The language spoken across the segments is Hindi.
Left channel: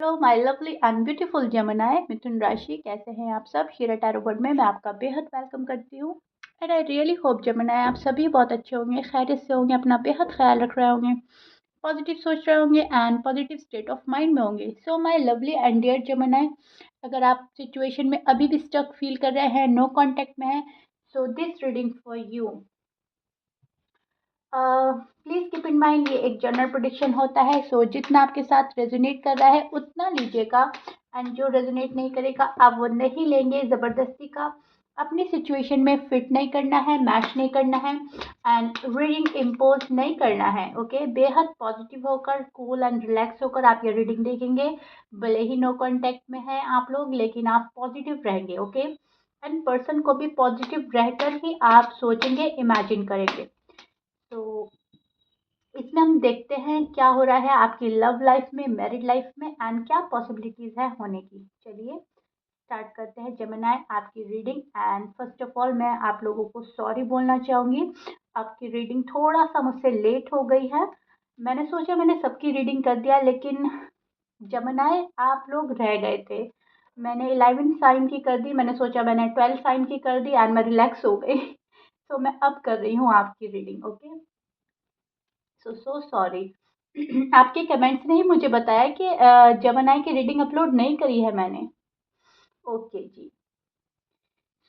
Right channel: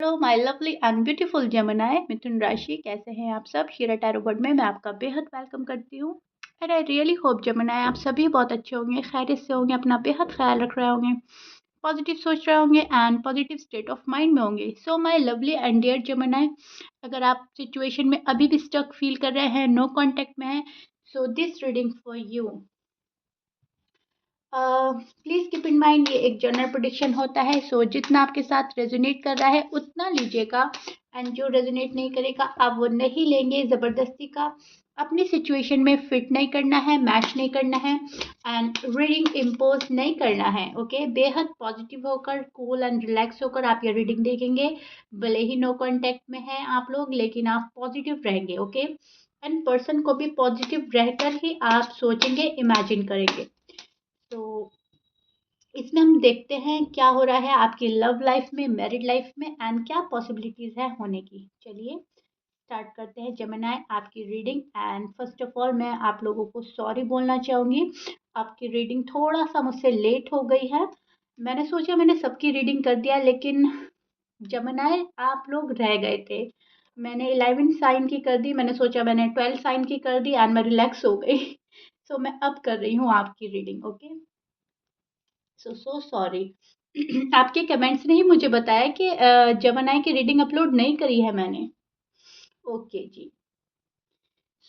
Hello my lovely and beautiful Gemini मिथुन राशि, कैसे हैं आप सब। शीरा टैरो वर्ल्ड में मैं आपका बेहद वेलकम करती हूँ। And I really hope Gemini आप सभी बहुत अच्छे होंगे, खैरियत से होंगे, अपना बेहद ख्याल रख रहे होंगे, पॉजिटिव सोच रहे होंगे and positive state of mind में होंगे। So my lovely and dear Gemini, अगर आप सिचुएशन में अभी भी स्टक फील कर रहे हैं, नो कॉन्टैक्ट में हैं, so this reading for you. Please keep in mind ये एक जनरल प्रेडिक्शन होता है। सो जितना आपके साथ रेजोनेट कर रहा है उतना लीजिएगा, एंड जो रेजोनेट नहीं करेगा आप वो नहीं लेंगे। ज़बरदस्ती का अपनी सिचुएशन में फिट नहीं करना है, मैच नहीं करना है एंड रीडिंग इम्पोज नहीं करना है। ओके, बेहद पॉजिटिव होकर, कूल एंड रिलैक्स होकर आप ये रीडिंग देखेंगे। भले ही नो कॉन्टैक्ट में हैं आप लोग, लेकिन आप पॉजिटिव रहेंगे। ओके, एंड पर्सन को भी पॉजिटिव रहकर ही आप सोचेंगे, इमेजिन करेंगे। तो इसमें हम देखते हैं क्या हो रहा है आपकी लव लाइफ में, मैरिड लाइफ में, एंड क्या पॉसिबिलिटीज़ है होने की। चलिए स्टार्ट करते हैं जेमिनी आपकी reading. And first of all मैं आप लोगों को सॉरी बोलना चाहूँगी, आपकी रीडिंग थोड़ा सा मुझसे लेट हो गई है। मैंने सोचा मैंने सबकी रीडिंग कर दिया, लेकिन जेमिनी आप लोग रह गए थे। मैंने 11 साइन की कर दी, मैंने सोचा मैंने 12 साइन की कर दी एंड मैं रिलैक्स हो गई। सो मैं अब कर रही हूँ आपकी रीडिंग। Okay, so sorry. आपके कमेंट्स ने ही मुझे बताया कि जेमिनी की रीडिंग अपलोड नहीं करी है मैंने। ओके जी।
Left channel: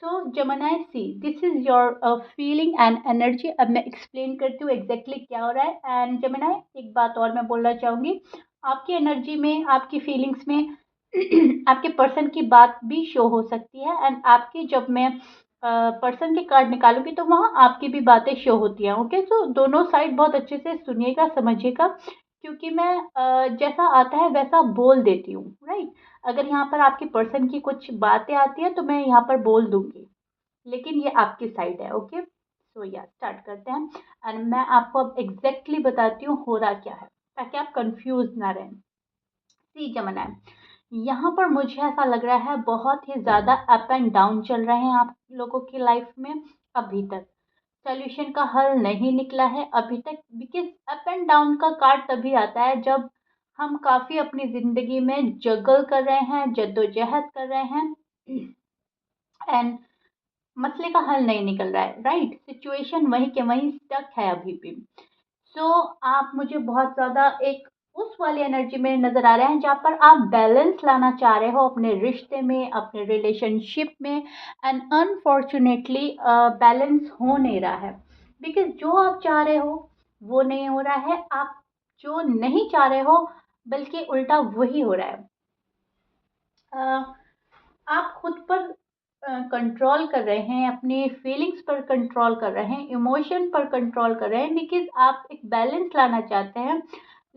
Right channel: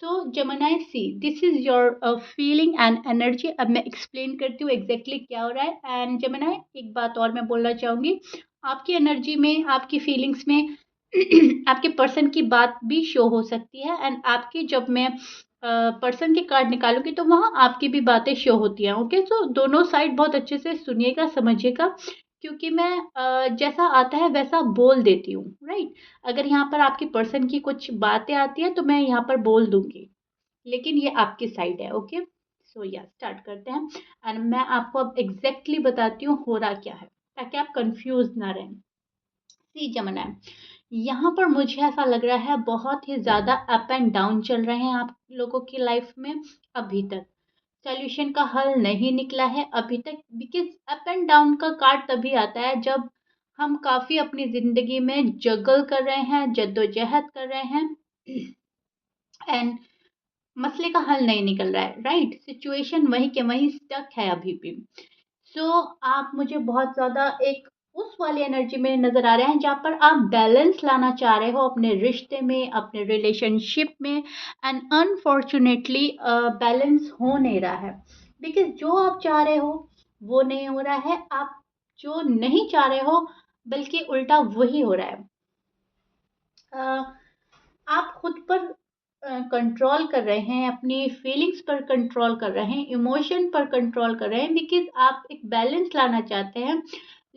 So Gemini see, this is your feeling and energy. अब मैं एक्सप्लेन करती हूँ एग्जैक्टली क्या हो रहा है। एंड जेमिनी एक बात और मैं बोलना चाहूँगी, आपकी एनर्जी में, आपकी फीलिंग्स में आपके पर्सन की बात भी शो हो सकती है। एंड आपकी जब मैं पर्सन के कार्ड निकालूंगी तो वहाँ आपकी भी बातें शो होती हैं। ओके, सो दोनों साइड बहुत अच्छे से सुनिएगा, समझिएगा, क्योंकि मैं जैसा आता है वैसा बोल देती हूँ, राइट। अगर यहाँ पर आपकी पर्सन की कुछ बातें आती हैं तो मैं यहाँ पर बोल दूंगी, लेकिन ये आपकी साइड है। ओके, सो या स्टार्ट करते हैं। एंड मैं आपको अब एग्जैक्टली बताती हूँ हो रहा क्या है, ताकि आप कंफ्यूज ना रहें। सी जेमिनी, यहाँ पर मुझे ऐसा लग रहा है बहुत ही ज़्यादा अप एंड डाउन चल रहे हैं आप लोगों की लाइफ में अभी तक। सॉल्यूशन का हल नहीं निकला है अभी तक, बिकॉज अप एंड डाउन का कार्ड तभी आता है जब हम काफ़ी अपनी ज़िंदगी में जगल कर रहे हैं, जद्दोजहद कर रहे हैं एंड मसले का हल नहीं निकल रहा है, राइट। सिचुएशन वहीं के वहीं स्टक है अभी भी। सो आप मुझे बहुत ज़्यादा एक उस वाली एनर्जी में नज़र आ रहे हैं जहाँ पर आप बैलेंस लाना चाह रहे हो अपने रिश्ते में, अपने रिलेशनशिप में, एंड अनफॉर्चुनेटली बैलेंस हो नहीं रहा है। बिकॉज जो आप चाह रहे हो वो नहीं हो रहा है, आप जो नहीं चाह रहे हो बल्कि उल्टा वही हो रहा है। आप खुद पर कंट्रोल कर रहे हैं, अपनी फीलिंग्स पर कंट्रोल कर रहे हैं, इमोशन पर कंट्रोल कर रहे हैं, बिकॉज आप एक बैलेंस लाना चाहते हैं।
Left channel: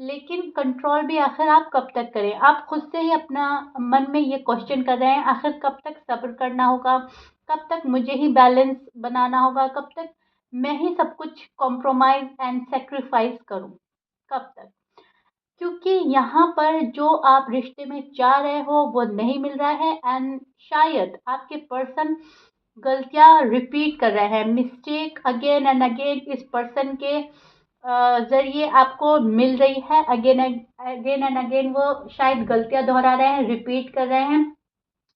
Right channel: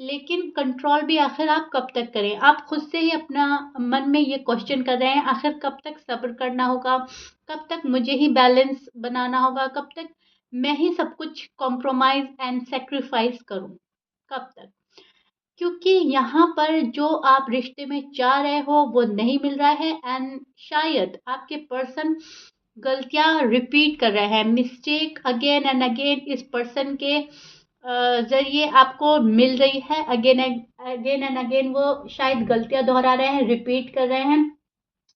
लेकिन कंट्रोल भी आखिर आप कब तक करें। आप खुद से ही अपना मन में ये क्वेश्चन कर रहे हैं, आखिर कब तक सब्र करना होगा, कब तक मुझे ही बैलेंस बनाना होगा, कब तक मैं ही सब कुछ कॉम्प्रोमाइज एंड सेक्रीफाइस करूं, कब तक। क्योंकि यहाँ पर जो आप रिश्ते में चाह रहे हो वो नहीं मिल रहा है, एंड शायद आपके पर्सन गलतियाँ रिपीट कर रहे हैं, मिस्टेक अगेन एंड अगेन इस पर्सन के ज़रिए आपको मिल रही है। अगेन अगेन एंड अगेन वो शायद गलतियाँ दोहरा रहे हैं, रिपीट कर रहे हैं,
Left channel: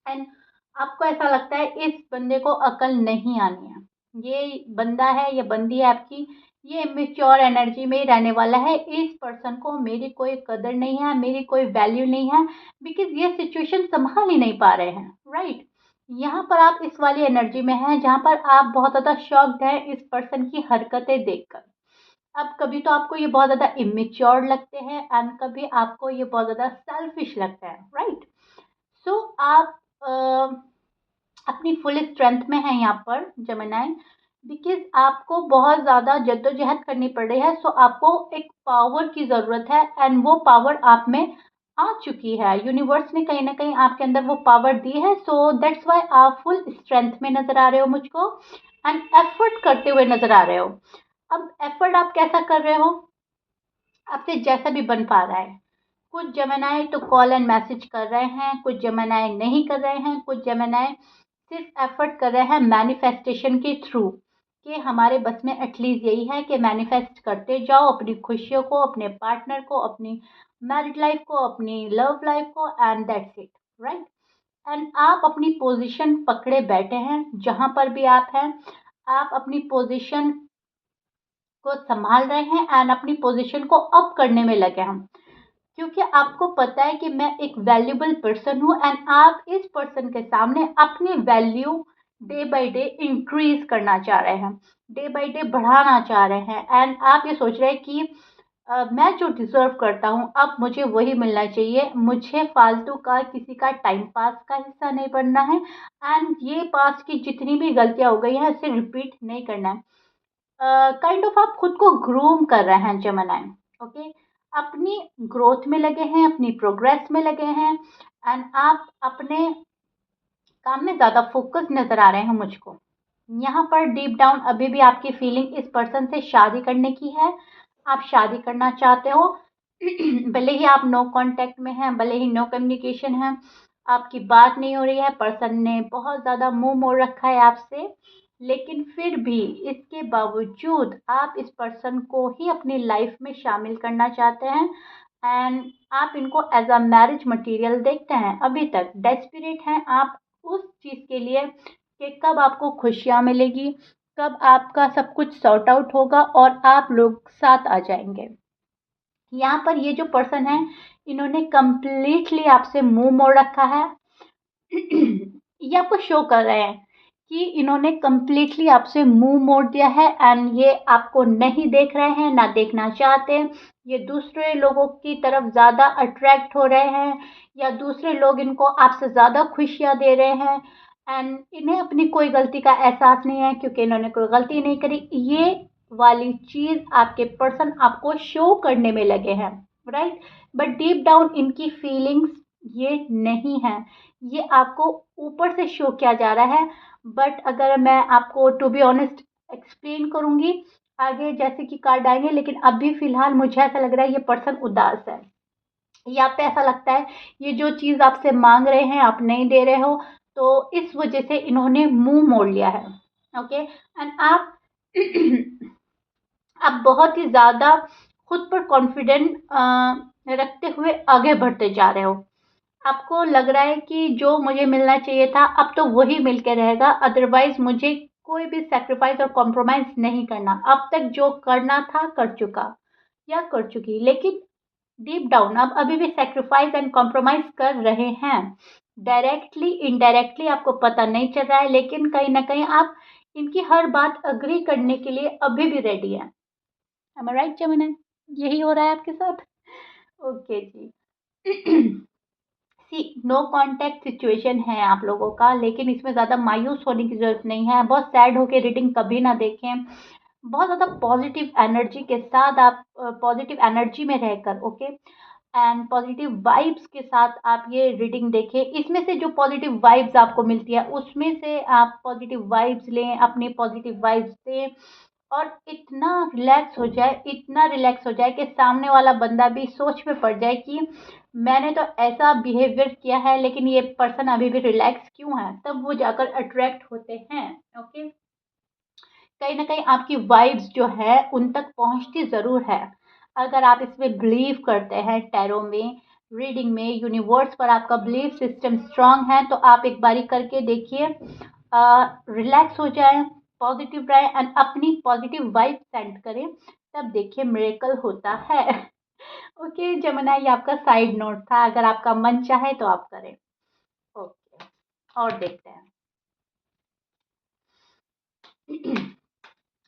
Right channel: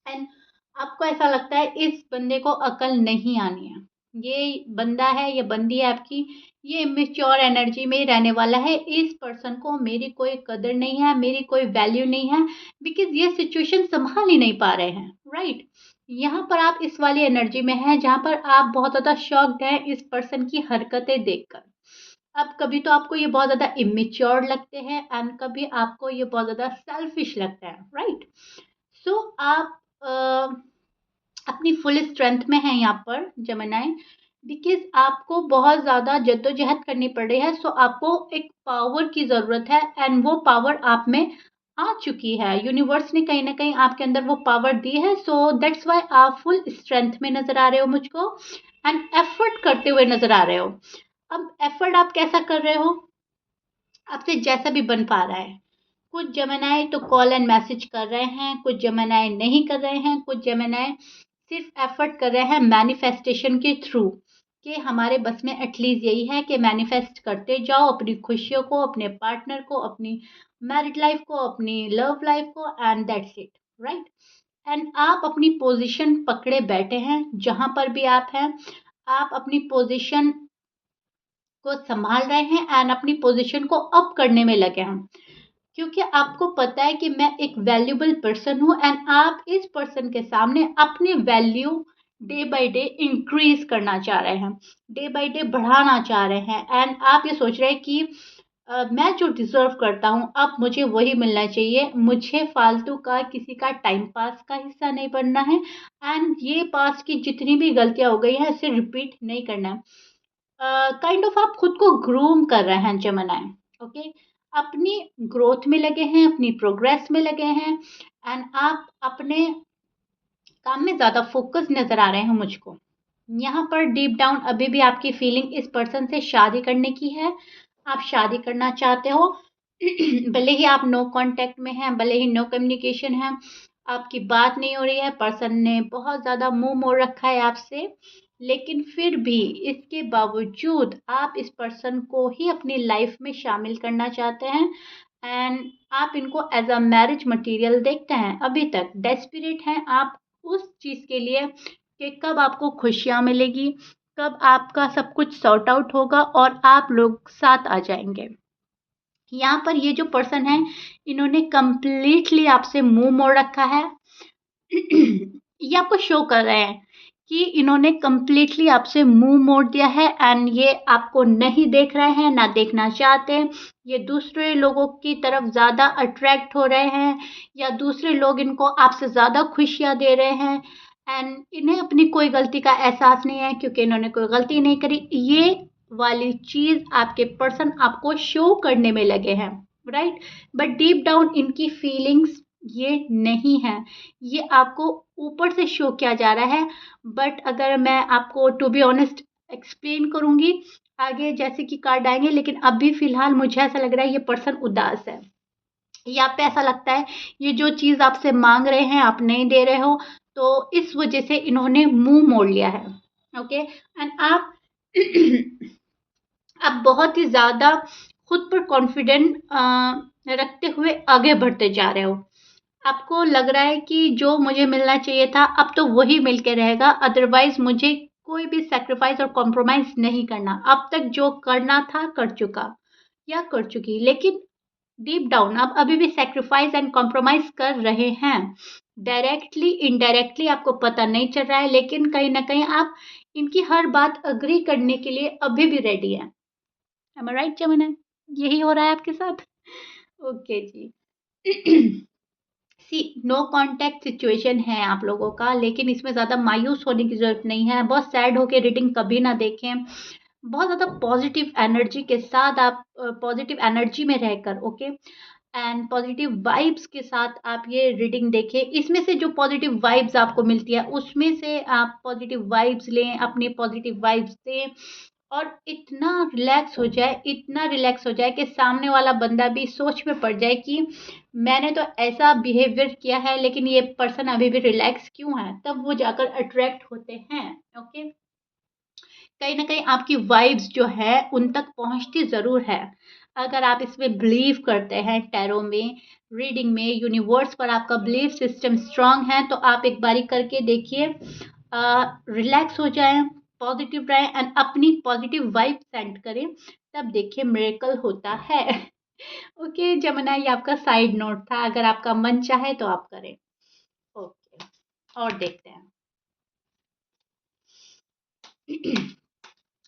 एंड आपको ऐसा लगता है इस बंदे को अकल नहीं आनी है, ये बंदा है, ये बंदी है आपकी, ये इमेच्योर एनर्जी में रहने वाला है, इस पर्सन को मेरी कोई कदर नहीं है, मेरी कोई वैल्यू नहीं है, बिकॉज ये सिचुएशन संभाल ही नहीं पा रहे हैं, राइट। यहाँ पर आप इस वाली एनर्जी में हैं जहाँ पर आप बहुत ज़्यादा शॉक्ड हैं इस पर्सन की हरकतें देखकर। अब कभी तो आपको ये बहुत ज़्यादा इमेच्योर लगते हैं एंड कभी आपको ये बहुत ज़्यादा सेल्फिश लगता है, राइट। सो आप अपनी फुल स्ट्रेंथ में हैं यहाँ पर जेमिनी, बिकॉज आपको बहुत ज़्यादा जद्दोजहद करनी पड़ रही है। सो आपको एक पावर की ज़रूरत है एंड वो पावर आप में आ चुकी है, यूनिवर्स ने कहीं ना कहीं आपके अंदर वो पावर दी है। सो दैट्स वाई आप फुल स्ट्रेंथ में नज़र आ रहे हो मुझको, एंड एफर्ट करते हुए नज़र आ रहे हो। अब एफर्ट आप कैसा कर रहे हो, आपसे जैसा भी बन पा रहा है। कुछ जेमिनी तो कॉल एंड मैसेज कर रहे हैं, कुछ जेमिनी नहीं कर रहे हैं, कुछ जेमिनी सिर्फ एफर्ट कर रहे हैं मैनिफेस्टेशन के थ्रू, कि हमारे बस में एटलीस्ट यही है कि मैनिफेस्ट करते जाओ अपनी खुशियों को, अपने पार्टनर को, अपनी मैरिड लाइफ को, अपनी लव लाइफ को, and that's it, right. And आप अपनी पोजीशन पकड़े बैठे हैं, जहां पर भी आप हैं, आप अपनी पोजीशन को संभाल रहे हैं एंड अपनी पोजीशन को अप करने में लगे हैं, क्योंकि आपको पता है कि मैं एक वैल्यूबल पर्सन हूँ एंड आप इस पर्सन के सामने अपनी value day by day increase करना चाह रहे हैं, डे बाय डे बढ़ाना चाह रहे हैं, एंड आप ये सोच रहे हैं कि मैं जो डिजर्व करता हूँ अब मुझे वही मिलना चाहिए, मुझे फालतू का किसी का टाइम पास का हिस्सा नहीं बनना है, एंड ये पास की जितनी भी गलतियां हो गई हैं इसे रिपीट नहीं करना है। काइंड ऑफ आप खुद को ग्रूम कर रहे हैं जमनाए, ओके। अपनी ग्रोथ में लगे हैं, अपनी प्रोग्रेस में लगे हैं, एंड आप अपने काम में ज़्यादा फोकस नज़र आ रहे हैं मुझको। यहाँ पर डीप डाउन अभी भी आपकी फीलिंग इस पर्सन से शादी करने की है, आप शादी करना चाहते हो। भले ही आप नो कांटेक्ट में हैं, भले ही नो कम्युनिकेशन है, आपकी बात नहीं हो रही है, पर्सन ने बहुत ज़्यादा मुंह मोड़ रखा है आपसे, लेकिन फिर भी इसके बावजूद आप इस पर्सन को ही अपनी लाइफ में शामिल करना चाहते हैं, एंड आप इनको एज अ मैरिज मटेरियल देखते हैं। अभी तक डेस्परेट हैं आप उस चीज़ के लिए कि कब आपको खुशियाँ मिलेगी, कब आपका सब कुछ सॉर्ट आउट होगा और आप लोग साथ आ जाएंगे। यहाँ पर ये जो पर्सन है, इन्होंने कंप्लीटली आपसे मुंह मोड़ रखा है। ये आपको शो कर रहे हैं कि इन्होंने कंप्लीटली आपसे मुंह मोड़ दिया है एंड ये आपको नहीं देख रहे हैं, ना देखना चाहते हैं। ये दूसरे लोगों की तरफ ज़्यादा अट्रैक्ट हो रहे हैं, या दूसरे लोग इनको आपसे ज़्यादा खुशियाँ दे रहे हैं, एंड इन्हें अपनी कोई गलती का एहसास नहीं है क्योंकि इन्होंने कोई गलती नहीं करी। ये वाली चीज़ आपके पर्सन आपको शो करने में लगे हैं, राइट। बट डीप डाउन इनकी फीलिंग्स ये नहीं है, ये आपको ऊपर से शो किया जा रहा है। बट अगर मैं आपको टू बी ऑनेस्ट एक्सप्लेन करूंगी आगे जैसे कि कार्ड आएंगे, लेकिन अभी फिलहाल मुझे ऐसा लग रहा है ये पर्सन उदास है, या पे ऐसा लगता है ये जो चीज़ आपसे मांग रहे हैं आप नहीं दे रहे हो, तो इस वजह से इन्होंने मुंह मोड़ लिया है, ओके। एंड आप आप बहुत ही ज़्यादा खुद पर कॉन्फिडेंट रखते हुए आगे बढ़ते जा रहे हो। आपको लग रहा है कि जो मुझे मिलना चाहिए था अब तो वही मिल के रहेगा, अदरवाइज मुझे कोई भी सेक्रीफाइस और कॉम्प्रोमाइज नहीं करना, अब तक जो करना था कर चुका या कर चुकी। लेकिन डीप डाउन आप अभी भी सेक्रीफाइस एंड कॉम्प्रोमाइज कर रहे हैं, डायरेक्टली इनडायरेक्टली आपको पता नहीं चल रहा है, लेकिन कहीं ना कहीं आप इनकी हर बात अग्री करने के लिए अभी भी रेडी हैं। एम आई राइट जमुना? यही हो रहा है आपके साथ? ओके जी। सी नो कांटेक्ट सिचुएशन है आप लोगों का, लेकिन इसमें ज़्यादा मायूस होने की ज़रूरत नहीं है, बहुत सैड होकर रीडिंग कभी ना देखें। बहुत ज़्यादा पॉजिटिव एनर्जी के साथ आप पॉजिटिव एनर्जी में रहकर, ओके, एंड पॉजिटिव वाइब्स के साथ आप ये रीडिंग देखें। इसमें से जो पॉजिटिव वाइब्स आपको मिलती है उसमें से आप पॉजिटिव वाइब्स लें, अपनी पॉजिटिव वाइब्स दें, और इतना रिलैक्स हो जाए, इतना रिलैक्स हो जाए कि सामने वाला बंदा भी सोच में पड़ जाए कि मैंने तो ऐसा बिहेवियर किया है लेकिन ये पर्सन अभी भी रिलैक्स क्यों है, तब वो जाकर अट्रैक्ट होते हैं, ओके। कहीं ना कहीं आपकी वाइब्स जो है उन तक पहुंचती ज़रूर है। अगर आप इसमें बिलीव करते हैं, टैरो में, रीडिंग में, यूनिवर्स पर आपका बिलीफ सिस्टम स्ट्रांग है, तो आप एक बारी करके देखिए, रिलैक्स हो जाए, पॉजिटिव रहे एंड अपनी पॉजिटिव वाइब सेंड करें, तब देखिए मिरेकल होता है। ओके जमुना, ये आपका साइड नोट था, अगर आपका मन चाहे तो आप करें। ओके, और देखते हैं।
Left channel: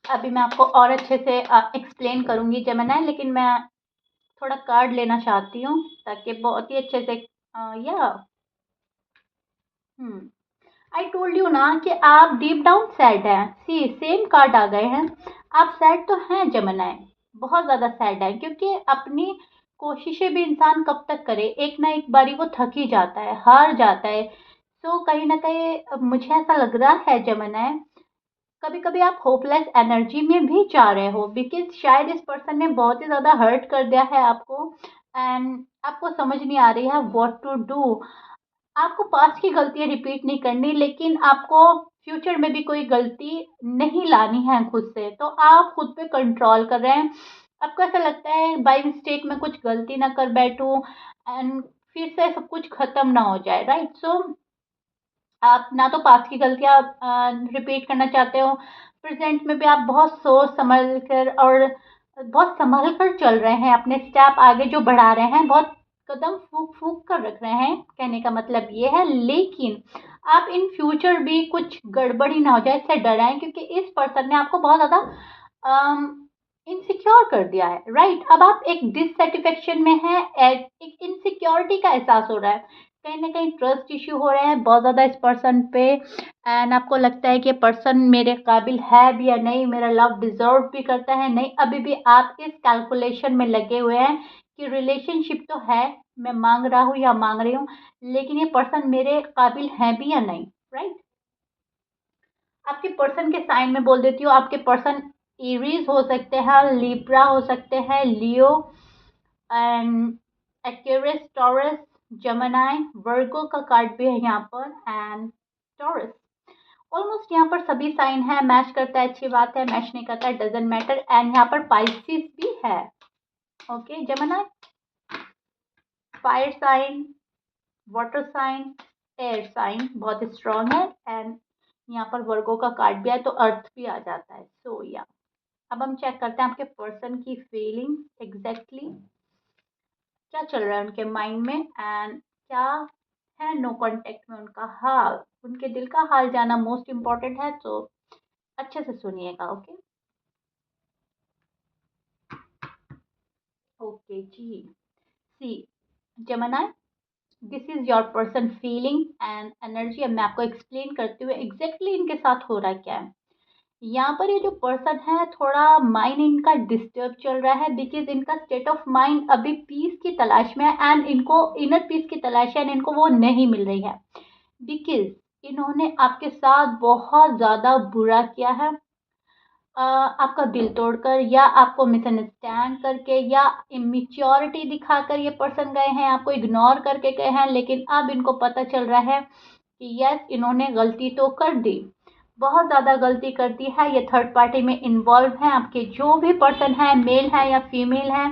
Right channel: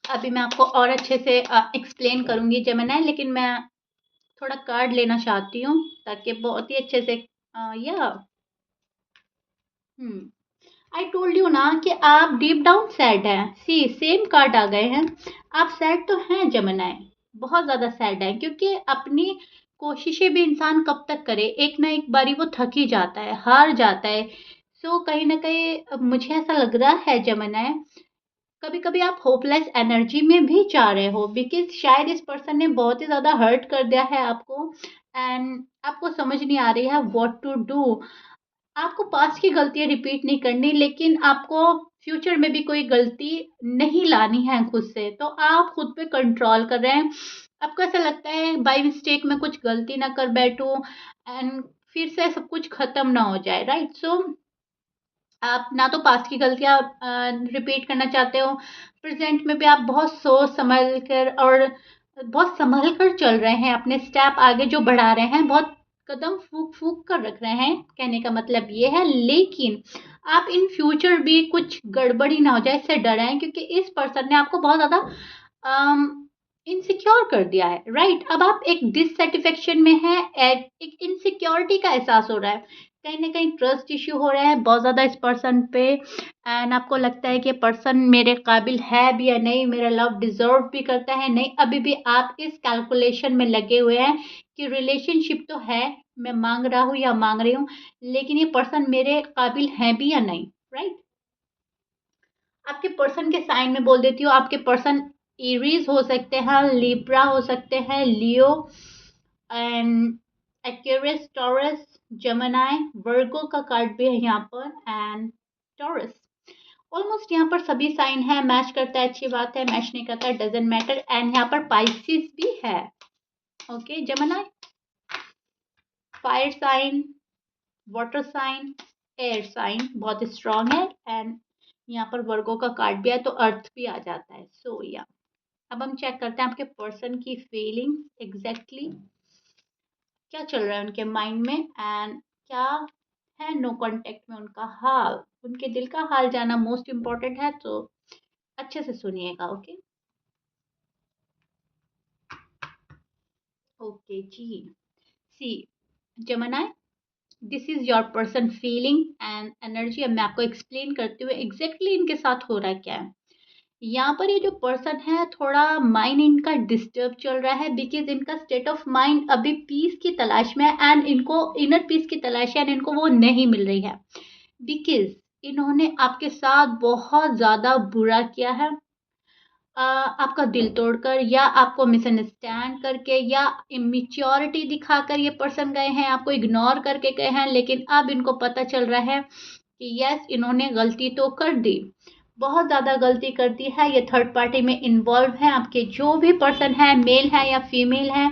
अभी मैं आपको और अच्छे से एक्सप्लेन करूंगी जमुना, लेकिन मैं थोड़ा कार्ड लेना चाहती हूँ ताकि बहुत ही अच्छे से या आई टोल्ड यू ना कि आप डीप डाउन सैड हैं। सी सेम कार्ड आ गए हैं, आप सैड तो हैं जमुनाए, बहुत ज़्यादा सैड है, क्योंकि अपनी कोशिशें भी इंसान कब तक करे, एक ना एक बारी वो थक ही जाता है, हार जाता है। सो कहीं ना कहीं मुझे ऐसा लग रहा है जमुनाए, कभी कभी आप होपलेस एनर्जी में भी जा रहे हो, बिकॉज शायद इस पर्सन ने बहुत ही ज़्यादा हर्ट कर दिया है आपको, एंड आपको समझ नहीं आ रही है व्हाट टू डू। आपको पास्ट की गलतियां रिपीट नहीं करनी, लेकिन आपको फ्यूचर में भी कोई गलती नहीं लानी है खुद से, तो आप खुद पे कंट्रोल कर रहे हैं। आपको ऐसा लगता है बाय मिस्टेक में कुछ गलती ना कर बैठूं एंड फिर से सब कुछ खत्म ना हो जाए, राइट? सो आप ना तो पास्ट की गलतियां रिपीट करना चाहते हो, प्रेजेंट में भी आप बहुत सोच समझ कर और बहुत संभल कर चल रहे हैं, अपने स्टेप आगे जो बढ़ा रहे हैं, बहुत कदम फूक फूक कर रख रहे हैं, कहने का मतलब ये है। लेकिन आप इन फ्यूचर भी कुछ गड़बड़ी ना हो जाए इससे डर हैं, क्योंकि इस पर्सन ने आपको बहुत ज़्यादा इनसिक्योर कर दिया है, राइट? अब आप एक डिससेटिस्फेक्शन में हैं, एक इनसिक्योरिटी का एहसास हो रहा है, कहीं ना कहीं ट्रस्ट इश्यू हो रहे हैं बहुत ज़्यादा इस पर्सन पे, एंड आपको लगता है कि पर्सन मेरे काबिल है भी या नहीं, मेरा लव डिजर्व भी करता है नहीं। अभी भी आप इस कैलकुलेशन में लगे हुए हैं कि रिलेशनशिप तो है, मैं मांग रहा हूँ या मांग रही हूँ, लेकिन ये पर्सन मेरे काबिल है भी या नहीं, राइट? आपके पर्सन के साइन में बोल देती हूँ, आपके पर्सन एरीज हो सकते हैं, लिब्रा हो सकते हैं, लियो एंड एक्वेरियस, टॉरस, जेमिनी, वर्गो का कार्ड भी है यहाँ पर, एंड टॉरस। ऑलमोस्ट यहाँ पर सभी साइन है, मैच करता है अच्छी बात है, मैच नहीं करता है डजेंट मैटर, एंड यहाँ पर पाइसिस भी है। Okay, Gemini fire sign, water sign, air sign बहुत स्ट्रांग है, एंड यहाँ पर वर्गो का कार्ड भी है तो अर्थ भी आ जाता है। सो या अब हम चेक करते हैं आपके पर्सन की फीलिंग एग्जैक्टली क्या चल रहा है उनके माइंड में, एंड क्या है नो कांटेक्ट में उनका हाल, उनके दिल का हाल जाना मोस्ट इम्पोर्टेंट है, तो अच्छे से सुनिएगा। ओके ओके जी, see Gemini, this is your person feeling and energy. अब मैं आपको एक्सप्लेन करते हुए एग्जैक्टली इनके साथ हो रहा क्या है। यहाँ पर ये जो पर्सन है थोड़ा माइंड इनका डिस्टर्ब चल रहा है, बिकॉज इनका स्टेट ऑफ माइंड अभी पीस की तलाश में है, एंड इनको इनर पीस की तलाश है एंड इनको वो नहीं मिल रही है, बिकॉज इन्होंने आपके साथ बहुत ज़्यादा बुरा किया है, आपका दिल तोड़कर या आपको मिसअंडरस्टैंड करके या इमेच्योरिटी दिखाकर ये पर्सन गए हैं, आपको इग्नोर करके गए हैं, लेकिन अब इनको पता चल रहा है कि यस इन्होंने गलती तो कर दी, बहुत ज़्यादा गलती कर दी है, ये थर्ड पार्टी में इन्वॉल्व है, आपके जो भी पर्सन है मेल है या फीमेल है,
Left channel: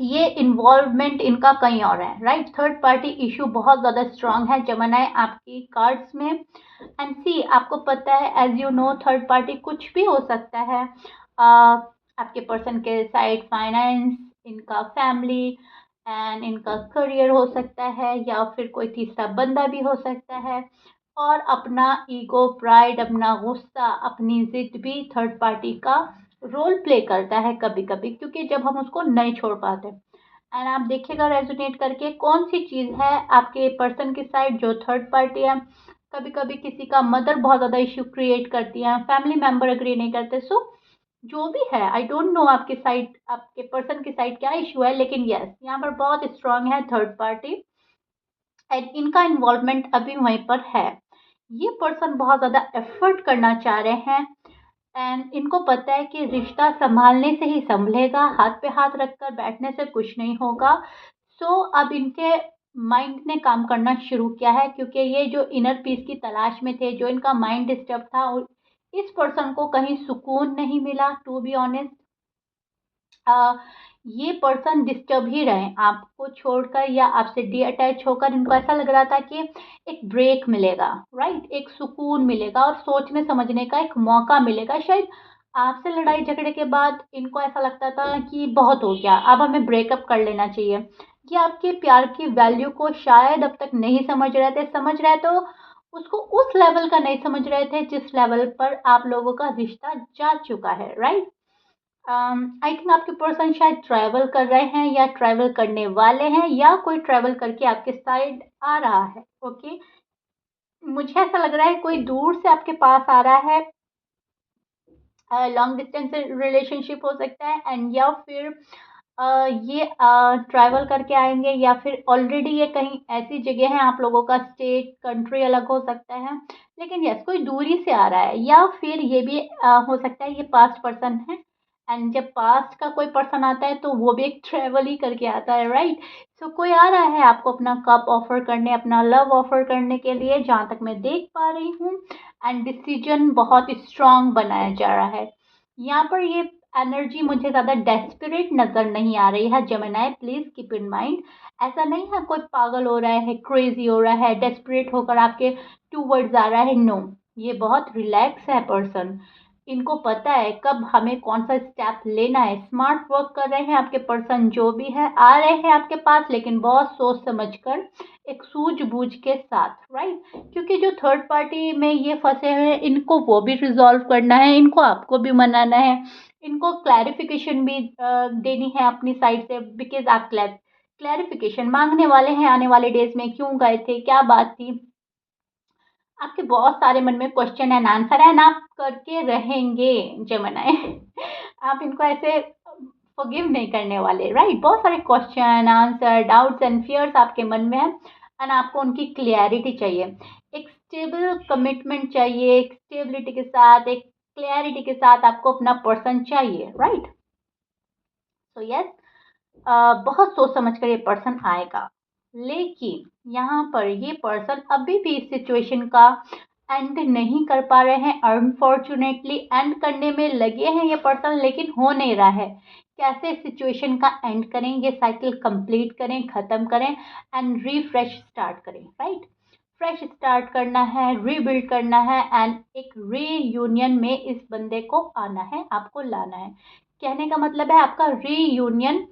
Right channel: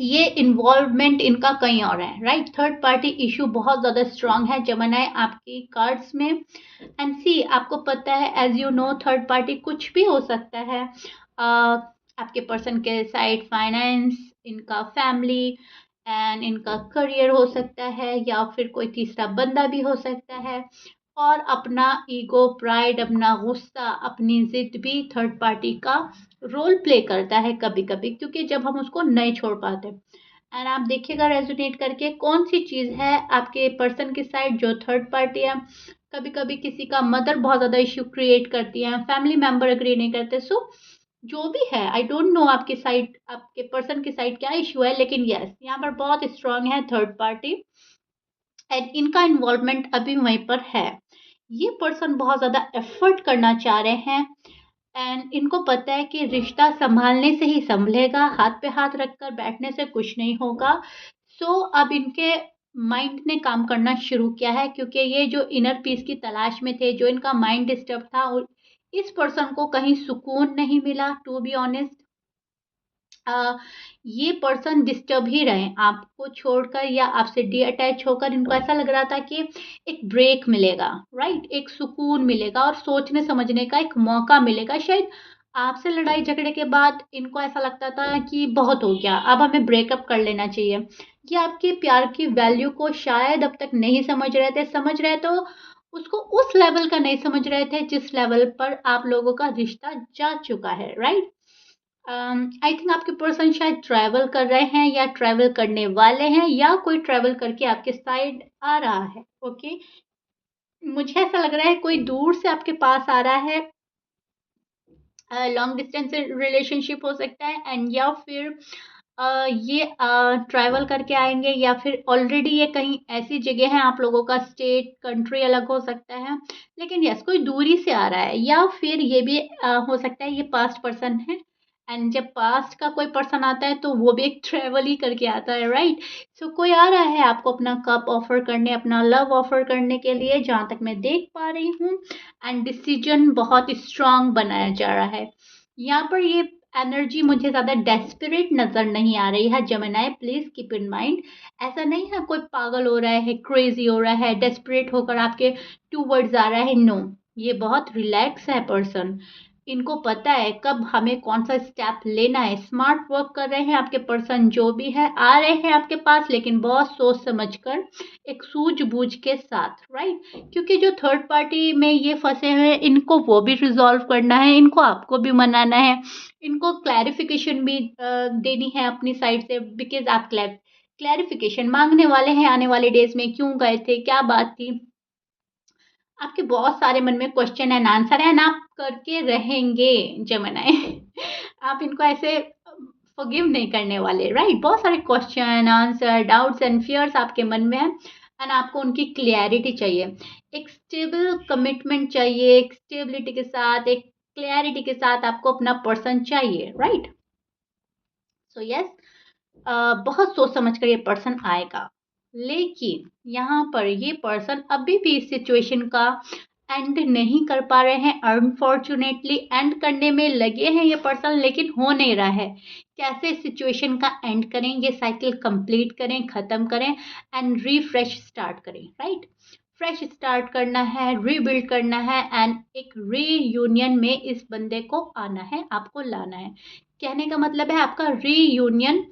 ये इन्वॉल्वमेंट इनका कहीं और है, राइट? थर्ड पार्टी इशू बहुत ज़्यादा स्ट्रांग है जमनाए आपकी कार्ड्स में, एंड सी आपको पता है as you know third party कुछ भी हो सकता है, आपके पर्सन के साइड फाइनेंस, इनका फैमिली एंड इनका करियर हो सकता है, या फिर कोई तीसरा बंदा भी हो सकता है, और अपना ईगो, प्राइड, अपना गुस्सा, अपनी जिद भी थर्ड पार्टी का रोल प्ले करता है कभी कभी, क्योंकि जब हम उसको नहीं छोड़ पाते। एंड आप देखिएगा रेजोनेट करके कौन सी चीज़ है आपके पर्सन की साइड जो थर्ड पार्टी है। कभी कभी किसी का मदर बहुत ज़्यादा इश्यू क्रिएट करती है, फैमिली मेंबर अग्री नहीं करते, सो जो भी है आई डोंट नो आपकी साइड, आपके पर्सन की साइड क्या इशू है, लेकिन यस यहाँ पर बहुत स्ट्रांग है थर्ड पार्टी, एंड इनका इन्वॉल्वमेंट अभी वहीं पर है। ये पर्सन बहुत ज़्यादा एफर्ट करना चाह रहे हैं, एंड इनको पता है कि रिश्ता संभालने से ही संभलेगा, हाथ पे हाथ रखकर बैठने से कुछ नहीं होगा। सो अब इनके माइंड ने काम करना शुरू किया है, क्योंकि ये जो इनर पीस की तलाश में थे, जो इनका माइंड डिस्टर्ब था, और इस पर्सन को कहीं सुकून नहीं मिला, टू बी ऑनेस्ट। ये पर्सन डिस्टर्ब ही रहे आपको छोड़कर या आपसे डी अटैच होकर, इनको ऐसा लग रहा था कि एक ब्रेक मिलेगा, राइट? एक सुकून मिलेगा और सोचने समझने का एक मौका मिलेगा, शायद आपसे लड़ाई झगड़े के बाद इनको ऐसा लगता था कि बहुत हो गया, अब हमें ब्रेकअप कर लेना चाहिए। ये आपके प्यार की वैल्यू को शायद अब तक नहीं समझ रहे थे, समझ रहे तो उसको उस लेवल का नहीं समझ रहे थे जिस लेवल पर आप लोगों का रिश्ता जा चुका है, राइट? आई थिंक आपके पर्सन शायद ट्रैवल कर रहे हैं या ट्रैवल करने वाले हैं, या कोई ट्रैवल करके आपके साइड आ रहा है। ओके, मुझे ऐसा लग रहा है कोई दूर से आपके पास आ रहा है, लॉन्ग डिस्टेंस रिलेशनशिप हो सकता है, एंड या फिर ये ट्रैवल करके आएंगे, या फिर ऑलरेडी ये कहीं ऐसी जगह है, आप लोगों का स्टेट कंट्री अलग हो सकता है, लेकिन यस कोई दूरी से आ रहा है, या फिर ये भी हो सकता है ये पास्ट पर्सन है, एंड जब पास्ट का कोई पर्सन आता है तो वो भी एक ट्रैवल ही करके आता है, राइट? सो कोई आ रहा है आपको अपना कप ऑफर करने, अपना लव ऑफर करने के लिए, जहाँ तक मैं देख पा रही हूँ, एंड डिसीजन बहुत स्ट्रांग बनाया जा रहा है यहाँ पर। ये एनर्जी मुझे ज़्यादा डेस्परेट नज़र नहीं आ रही है Gemini, please keep in mind. ऐसा नहीं है कोई पागल हो रहा है, क्रेजी हो रहा है, डेस्परेट होकर आपके टूवर्ड्स आ रहा है, नो। ये बहुत रिलैक्स है पर्सन। इनको पता है कब हमें कौन सा स्टेप लेना है। स्मार्ट वर्क कर रहे हैं आपके पर्सन, जो भी है आ रहे हैं आपके पास, लेकिन बहुत सोच समझ कर, एक सूझबूझ के साथ, राइट। क्योंकि जो थर्ड पार्टी में ये फंसे हुए हैं, इनको वो भी रिजॉल्व करना है, इनको आपको भी मनाना है, इनको क्लैरिफिकेशन भी देनी है अपनी साइड से, बिकॉज आप क्लैरिफिकेशन मांगने वाले हैं आने वाले डेज में, क्यों गए थे, क्या बात थी। आपके बहुत सारे मन में क्वेश्चन एंड आंसर है, आप करके रहेंगे जेमिनी। आप इनको ऐसे फॉरगिव नहीं करने वाले, राइट। बहुत सारे question answer, doubts and fears आपके मन में है, एंड आपको उनकी क्लियरिटी चाहिए। एक स्टेबल कमिटमेंट चाहिए, एक स्टेबिलिटी के साथ, एक क्लैरिटी के साथ आपको अपना पर्सन चाहिए, राइट। सो यस, बहुत सोच समझ कर ये पर्सन आएगा, लेकिन यहाँ पर ये पर्सन अभी भी इस सिचुएशन का एंड नहीं कर पा रहे हैं। अनफॉर्चुनेटली एंड करने में लगे हैं ये पर्सन, लेकिन हो नहीं रहा है। कैसे इस सिचुएशन का एंड करें, ये साइकिल कंप्लीट करें, ख़त्म करें एंड रीफ्रेश स्टार्ट करें, राइट। फ्रेश स्टार्ट करना है, रीबिल्ड करना है, एंड एक रीयूनियन में इस बंदे को आना है, आपको लाना है। कहने का मतलब है आपका रीयूनियन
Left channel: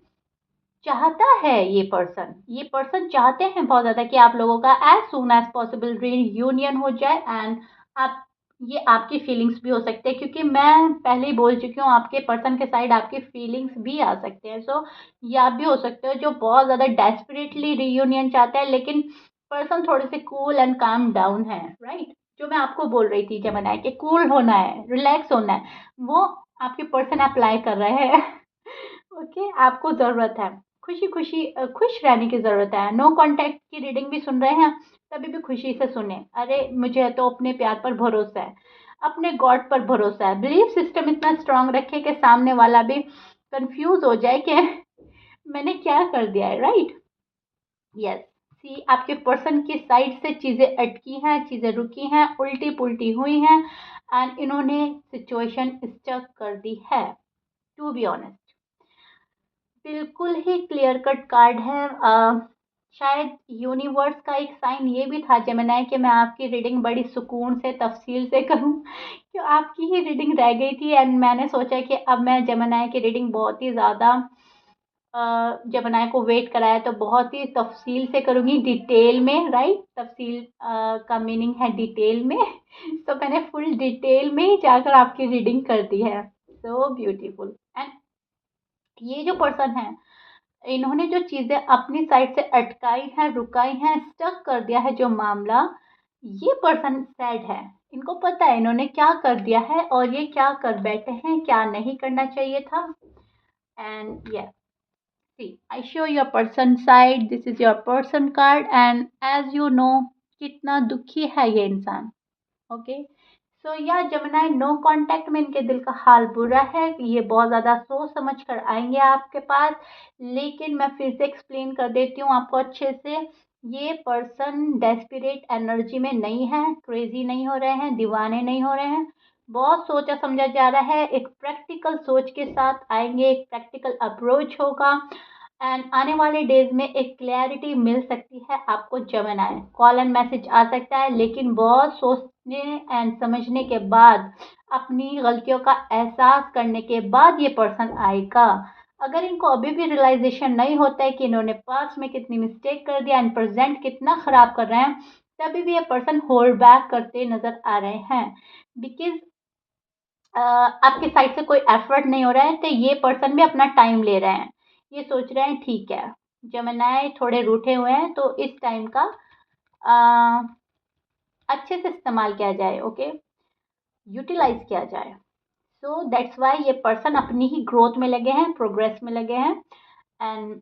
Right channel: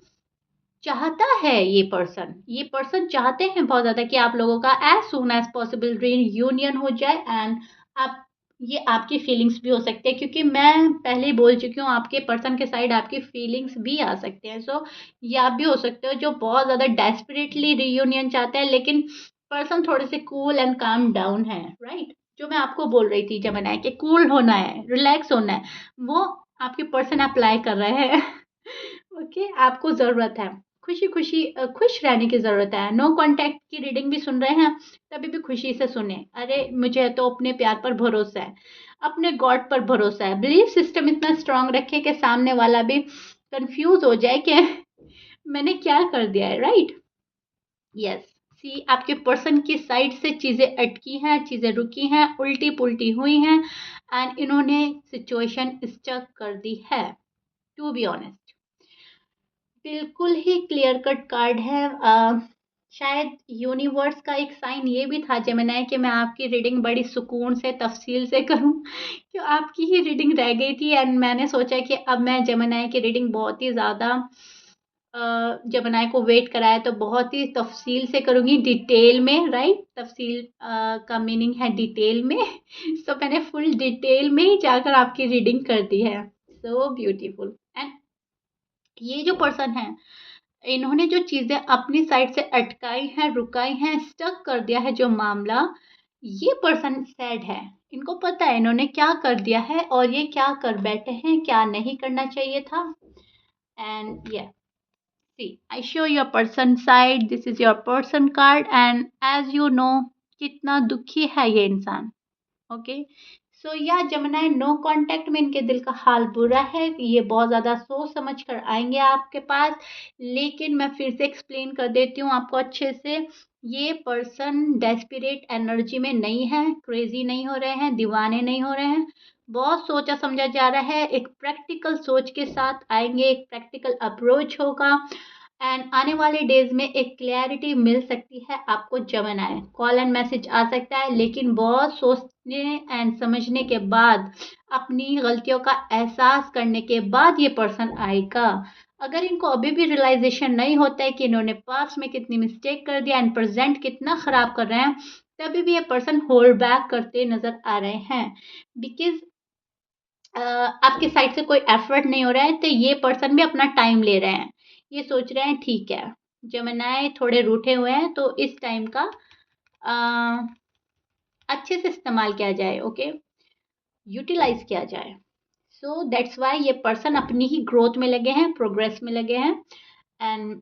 चाहता है ये पर्सन चाहते हैं बहुत ज़्यादा कि आप लोगों का as soon as possible reunion हो जाए, एंड आप, ये आपकी फीलिंग्स भी हो सकते हैं, क्योंकि मैं पहले ही बोल चुकी हूँ आपके पर्सन के साइड आपकी फीलिंग्स भी आ सकते हैं। सो ये आप भी हो सकते हो जो बहुत ज़्यादा डेस्परेटली रीयूनियन चाहते हैं, लेकिन पर्सन थोड़े से कूल एंड काम डाउन है, राइट। जो मैं आपको बोल रही थी जब मैंने कि कूल होना है, रिलैक्स होना है, वो आपके पर्सन अप्लाई कर रहे हैं। ओके, आपको ज़रूरत है खुशी खुशी खुश रहने की ज़रूरत है। नो कॉन्टैक्ट की रीडिंग भी सुन रहे हैं, तभी भी खुशी से सुने। अरे मुझे तो अपने प्यार पर भरोसा है, अपने गॉड पर भरोसा है। बिलीफ सिस्टम इतना स्ट्रांग रखे कि सामने वाला भी कंफ्यूज हो जाए कि मैंने क्या कर दिया है, राइट। यस, सी आपके पर्सन की साइड से चीज़ें अटकी हैं, चीज़ें रुकी हैं, उल्टी पुल्टी हुई हैं, एंड इन्होंने सिचुएशन स्टक कर दी है, टू बी ऑनेस्ट। बिल्कुल ही क्लियर कट कार्ड है। शायद यूनिवर्स का एक साइन ये भी था जेमिनी कि मैं आपकी रीडिंग बड़ी सुकून से तफसील से करूं, क्यों आपकी ही रीडिंग रह गई थी, एंड मैंने सोचा कि अब मैं जेमिनी की रीडिंग बहुत ही ज़्यादा जेमिनी को वेट कराया तो बहुत ही तफसील से करूँगी, डिटेल में, राइट। तफसील का मीनिंग है डिटेल में। सो मैंने फुल डिटेल में ही जाकर आपकी रीडिंग कर दी है। So beautiful. एंड ये जो पर्सन है, इन्होंने जो चीज़ें अपनी साइड से अटकाई हैं, रुकाई हैं, स्टक कर दिया है जो मामला, ये पर्सन सैड है। इनको पता है इन्होंने क्या कर दिया है और ये क्या कर बैठे हैं, क्या नहीं करना चाहिए था। एंड या see I show your person side, this is your person card, and as you know कितना दुखी है ये इंसान। ओके, सो या जमुना, नो कांटेक्ट में इनके दिल का हाल बुरा है, ये बहुत ज़्यादा सोच समझ कर आएंगे आपके पास। लेकिन मैं फिर से एक्सप्लेन कर देती हूँ आपको अच्छे से, ये पर्सन डेस्परेट एनर्जी में नहीं है, क्रेजी नहीं हो रहे हैं, दीवाने नहीं हो रहे हैं। बहुत सोचा समझा जा रहा है, एक प्रैक्टिकल सोच के साथ आएंगे, एक प्रैक्टिकल अप्रोच होगा, एंड आने वाले डेज में एक क्लैरिटी मिल सकती है आपको। जेमिनी कॉल एंड मैसेज आ सकता है, लेकिन बहुत सोचने एंड समझने के बाद, अपनी गलतियों का एहसास करने के बाद ये पर्सन आएगा। अगर इनको अभी भी रियलाइजेशन नहीं होता है कि इन्होंने पास्ट में कितनी मिस्टेक कर दिया एंड प्रेजेंट कितना ख़राब कर रहे हैं, तभी भी ये पर्सन होल्ड बैक करते नज़र आ रहे हैं, बिकॉज आपके साइड से कोई एफर्ट नहीं हो रहा है, तो ये पर्सन भी अपना टाइम ले रहे हैं। ये सोच रहे हैं ठीक है, जेमिनी थोड़े रूठे हुए हैं, तो इस टाइम का अ, अच्छे से इस्तेमाल किया जाए, ओके, यूटिलाइज किया जाए। सो दैट्स वाई ये पर्सन अपनी ही ग्रोथ में लगे हैं, प्रोग्रेस में लगे हैं, एंड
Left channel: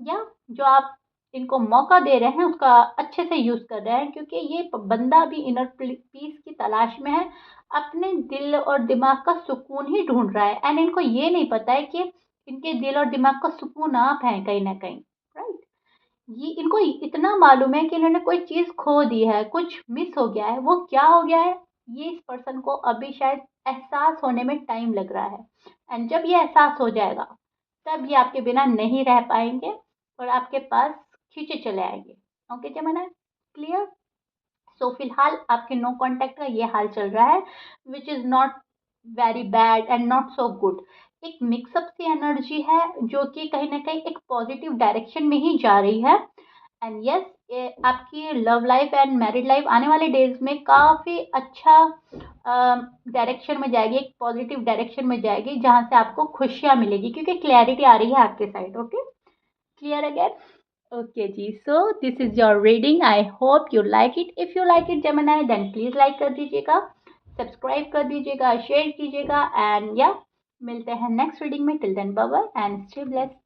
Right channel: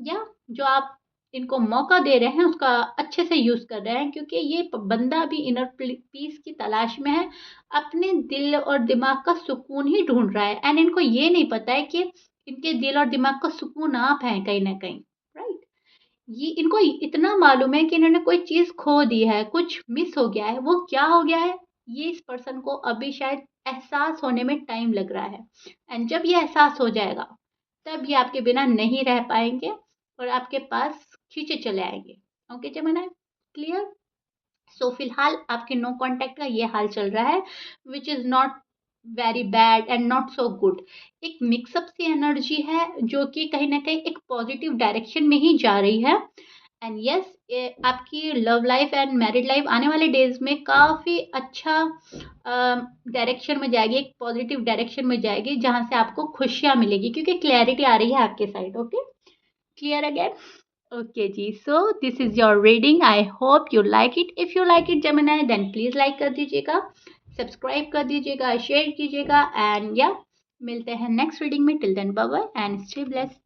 या जो आप इनको मौका दे रहे हैं उसका अच्छे से यूज़ कर रहे हैं, क्योंकि ये बंदा भी इनर पीस की तलाश में है, अपने दिल और दिमाग का सुकून ही ढूंढ रहा है, एंड इनको ये नहीं पता है कि इनके दिल और दिमाग का सुकून आप हैं कहीं ना कहीं, राइट। ये इनको इतना मालूम है कि इन्होंने कोई चीज़ खो दी है, कुछ मिस हो गया है, वो क्या हो गया है, ये इस पर्सन को अभी शायद एहसास होने में टाइम लग रहा है। एंड जब ये एहसास हो जाएगा तब ये आपके बिना नहीं रह पाएंगे और आपके पास खींचे चले आएंगे। ओके जमाना, क्लियर? सो फिलहाल आपके नो कांटेक्ट का ये हाल चल रहा है, which is not very bad and not so good. एक मिक्सअप सी एनर्जी है जो कि कहीं ना कहीं एक पॉजिटिव डायरेक्शन में ही जा रही है। एंड यस, आपकी love life and married life आने वाले डेज में काफ़ी अच्छा डायरेक्शन में जाएगी, एक पॉजिटिव डायरेक्शन में जाएगी जहाँ से आपको खुशियाँ मिलेगी क्योंकि क्लैरिटी आ रही है आपके side. Okay, clear again? Okay जी, so this is your reading. I hope you like it. If you like it Gemini, then please like कर दीजिएगा, सब्सक्राइब कर दीजिएगा, शेयर कीजिएगा एंड या मिलते हैं नेक्स्ट रीडिंग में। Till then bye bye and stay blessed.